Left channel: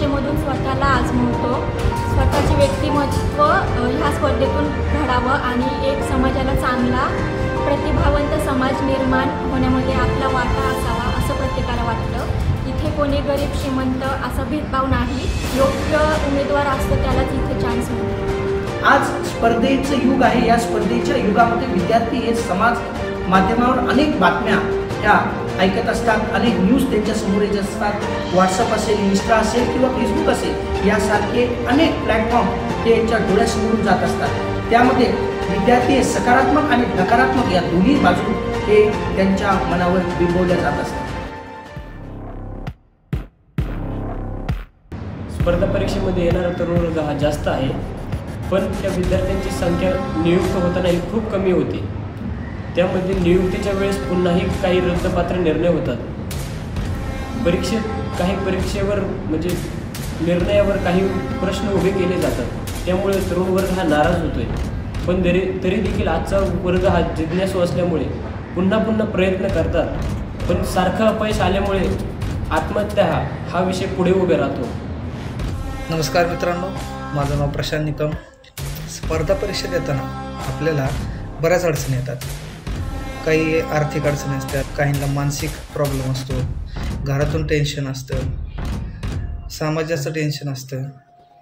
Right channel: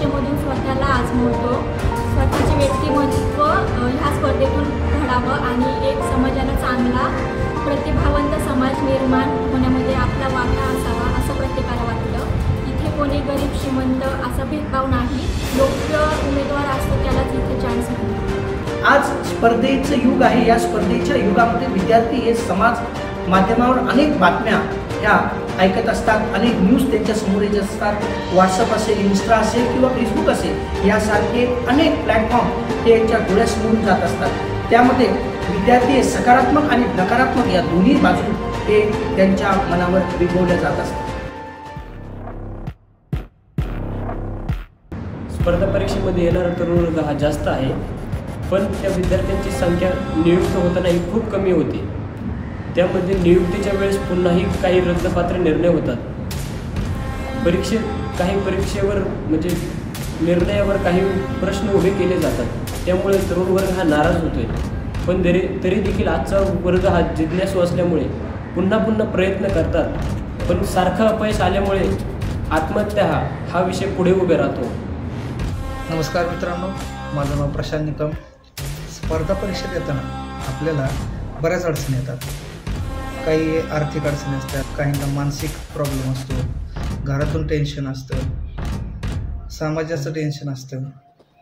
परीक्षेमधून स्वतःला आजमवतो, स्वतःचे व्यक्तिमत्व ह्या स्पर्धेतून घडावं आणि एक समाजाला चांगला प्रतिभावंत समाज निर्माण होण्यामध्ये आपला वाटा असावा असं प्रत्येकाला वाटतं। इथे कोणी गरीब श्रीमंत असा भेदभाव नाही, योग्य उमेदवार असतो त्यालाच इथे चान्स मिळतो। आज स्पर्धेचं युग आहे। या स्पर्धेच्या युगामध्ये विद्यार्थी हे समाज माध्यमावर अनेक बातम्या ह्या ऐकत असतात, अनेक न्यूज त्यांच्या समोर येत असतात। व्हॉट्सअप असेल, इन्स्टा असेल किंवा फेसबुक असेल, यासारखे अनेक प्लॅटफॉर्म ते यांच्या डोळ्यासमोरून जात असतात। त्यामध्ये विद्यार्थी हे सकारात्मक आणि नकारात्मक या दोन्ही बाजू ते त्यांच्या मनावर बिंबवले जात असतात। स्पर्धा परीक्षेमध्ये येणारा तरुण वर्ग हा जास्त आहे, पण त्या विद्यार्थ्यांची संख्या नियुक्त होताना ही खूप कमी होती। त्यामध्ये नियुक्तीच्या वेळेस पुन्हाही काही रद्दपात्र निर्णय होतात। काही परीक्षेवर म्हणजे निर्णयावर काही प्रश्न उभे केले जातात, त्यामुळे तरुण वर्ग हा नाराज होतोय। पण तरी देखील आजचा वर्ग हा जिज्ञासू असल्यामुळे पुन्हा प्रयत्न करतात, पण सारखं अपयश आल्यामुळे आत्महत्या हा विषय पुढे उभे राहतो। नमस्कार मित्रांनो, माझं नाव प्रशांत निकम। स्पर्धा परीक्षा देताना आपल्याला बऱ्याच अडचणी येतात। काही आर्थिक अडचणी असतात, काहींना मानसिक प्रॉब्लेम असतो, घरातून टेन्शन असतं, समाजाचं टेन्शन असतं,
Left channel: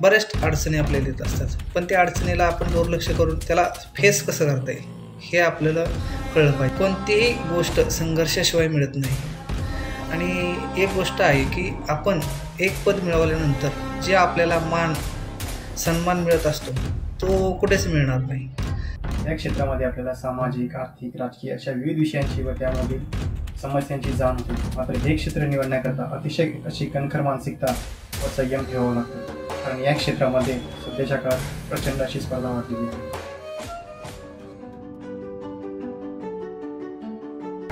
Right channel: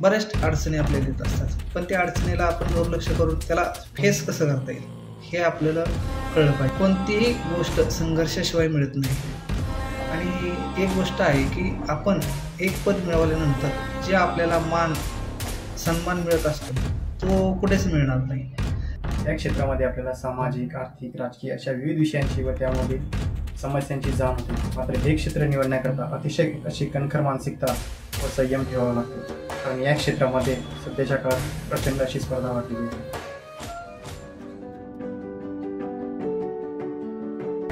बऱ्याच अडचणी आपल्याला येत असतात। पण त्या अडचणीला आपण दुर्लक्ष करून त्याला फेस कसं करता येईल हे आपल्याला कळलं पाहिजे। कोणतीही गोष्ट संघर्षाशिवाय मिळत नाही। आणि एक गोष्ट आहे की आपण एक पद मिळवल्यानंतर जे आपल्याला मान सन्मान मिळत असतो तो कुठेच मिळणार नाही। या क्षेत्रामध्ये आपल्याला सामाजिक, आर्थिक, राजकीय अशा विविध विषयांची व त्यामधील समस्यांची जाण होते। मात्र हे क्षेत्र निवडण्याकरता अतिशय अशी कणखर मानसिकता व संयम ठेवावा लागतो, कारण या क्षेत्रामध्ये सध्याच्या काळात प्रचंड अशी स्पर्धा वाढलेली आहे।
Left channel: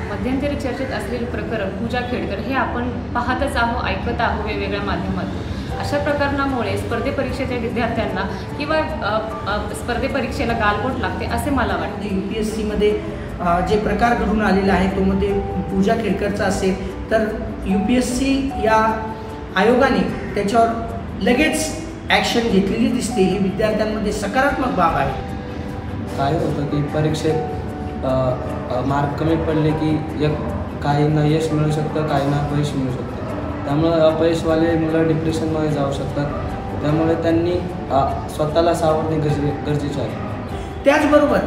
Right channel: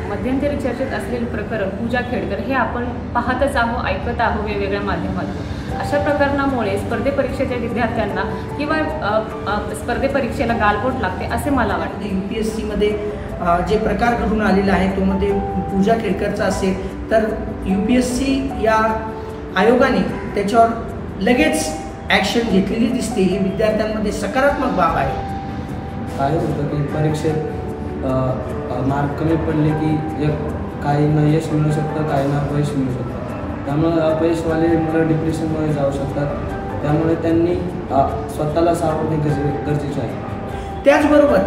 मध्यंतरी चर्चेत असलेले प्रकरण पूजा खेडकर हे आपण पाहतच आहोत, ऐकत आहोत वेगवेगळ्या माध्यमातून। अशा प्रकरणामुळे स्पर्धे परीक्षेच्या विद्यार्थ्यांना किंवा स्पर्धे परीक्षेला गालबोट लागते असे मला वाटते। UPSC मध्ये जे प्रकार घडून आलेला आहे तो मध्ये पूजा खेडकरचा असेल तर UPSC या आयोगाने त्याच्यावर लगेच ॲक्शन घेतलेली दिसते। ही विद्यार्थ्यांमध्ये सकारात्मक बाब आहे। काय होतं की परीक्षेत मार्क कमी पडले की काहींना यश मिळू शकतं, काहींना अपयश मिळू शकतं। त्यामुळे अपयशवाले मुलं डिप्रेशनमध्ये जाऊ शकतात, त्यामुळे त्यांनी स्वतःला सावरणे गरजेचे आहे। त्याचबरोबर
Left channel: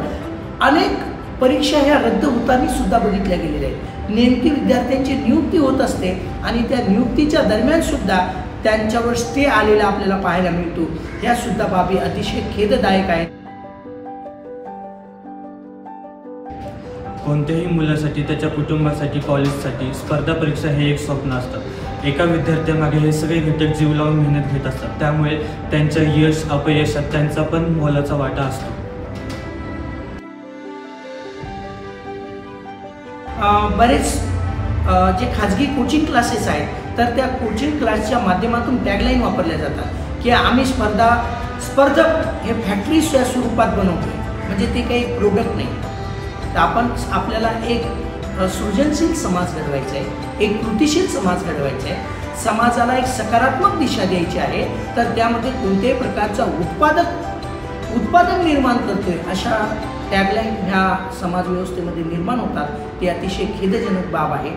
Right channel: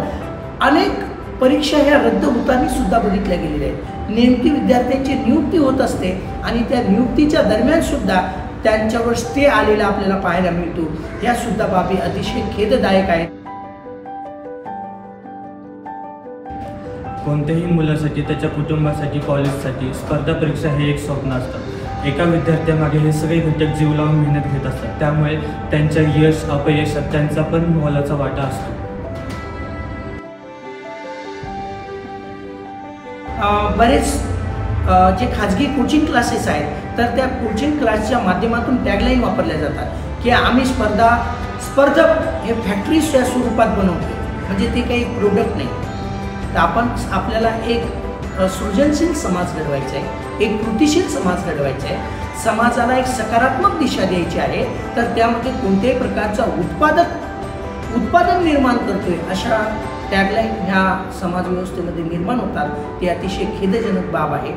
अनेक परीक्षा ह्या रद्द होताना सुद्धा बघितल्या गेलेल्या आहेत। नेमकी विद्यार्थ्यांची नियुक्ती होत असते आणि त्या नियुक्तीच्या दरम्यान सुद्धा त्यांच्यावर स्टे आलेला आपल्याला पाहायला मिळतो। या सुद्धा बाबी अतिशय खेददायक आहेत। कोणत्याही मुलासाठी, त्याच्या कुटुंबासाठी, कॉलेजसाठी स्पर्धा परीक्षा हे एक स्वप्न असतं। एका विद्यार्थ्यामध्ये हे सगळे घटक जीव लावून मेहनत घेत असतात, त्यामुळे त्यांच्या यश अपयशात त्यांचा पण मोलाचा वाटा असतो। बरेच जे खाजगी कोचिंग क्लासेस आहेत तर त्या कोचिंग क्लासच्या माध्यमातून टॅगलाईन वापरल्या जातात की आम्ही स्पर्धक हे फॅक्टरीच्या स्वरूपात बनवतोय, म्हणजे ते काही प्रोडक्ट नाही। तर आपल्याला एक सृजनशील समाज घडवायचा आहे, एक कृतिशील समाज घडवायचा आहे, समाजाला एक सकारात्मक दिशा द्यायची आहे। तर त्यामध्ये कोणत्याही प्रकारचा उत्पादन निर्माण करतोय अशा टॅगलाईन ह्या समाज व्यवस्थेमध्ये निर्माण होतात, ती अतिशय खेदजनक बाब आहे।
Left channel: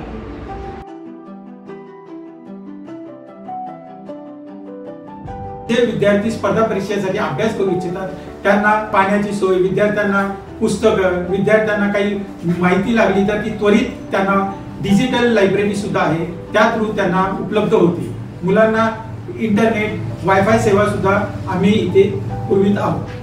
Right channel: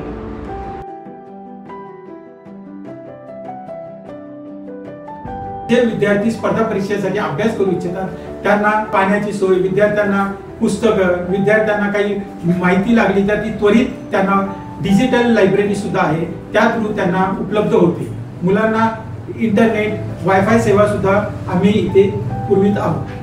जे विद्यार्थी स्पर्धा परीक्षेसाठी अभ्यास करू इच्छितात त्यांना पाण्याची सोय, विद्यार्थ्यांना पुस्तकं, विद्यार्थ्यांना काही माहिती लागली तर ती त्वरित त्यांना डिजिटल लायब्ररी सुद्धा आहे, त्या थ्रू त्यांना उपलब्ध होते। मुलांना इंटरनेट, वायफाय सेवा सुद्धा आम्ही इथे पुरवित आहोत।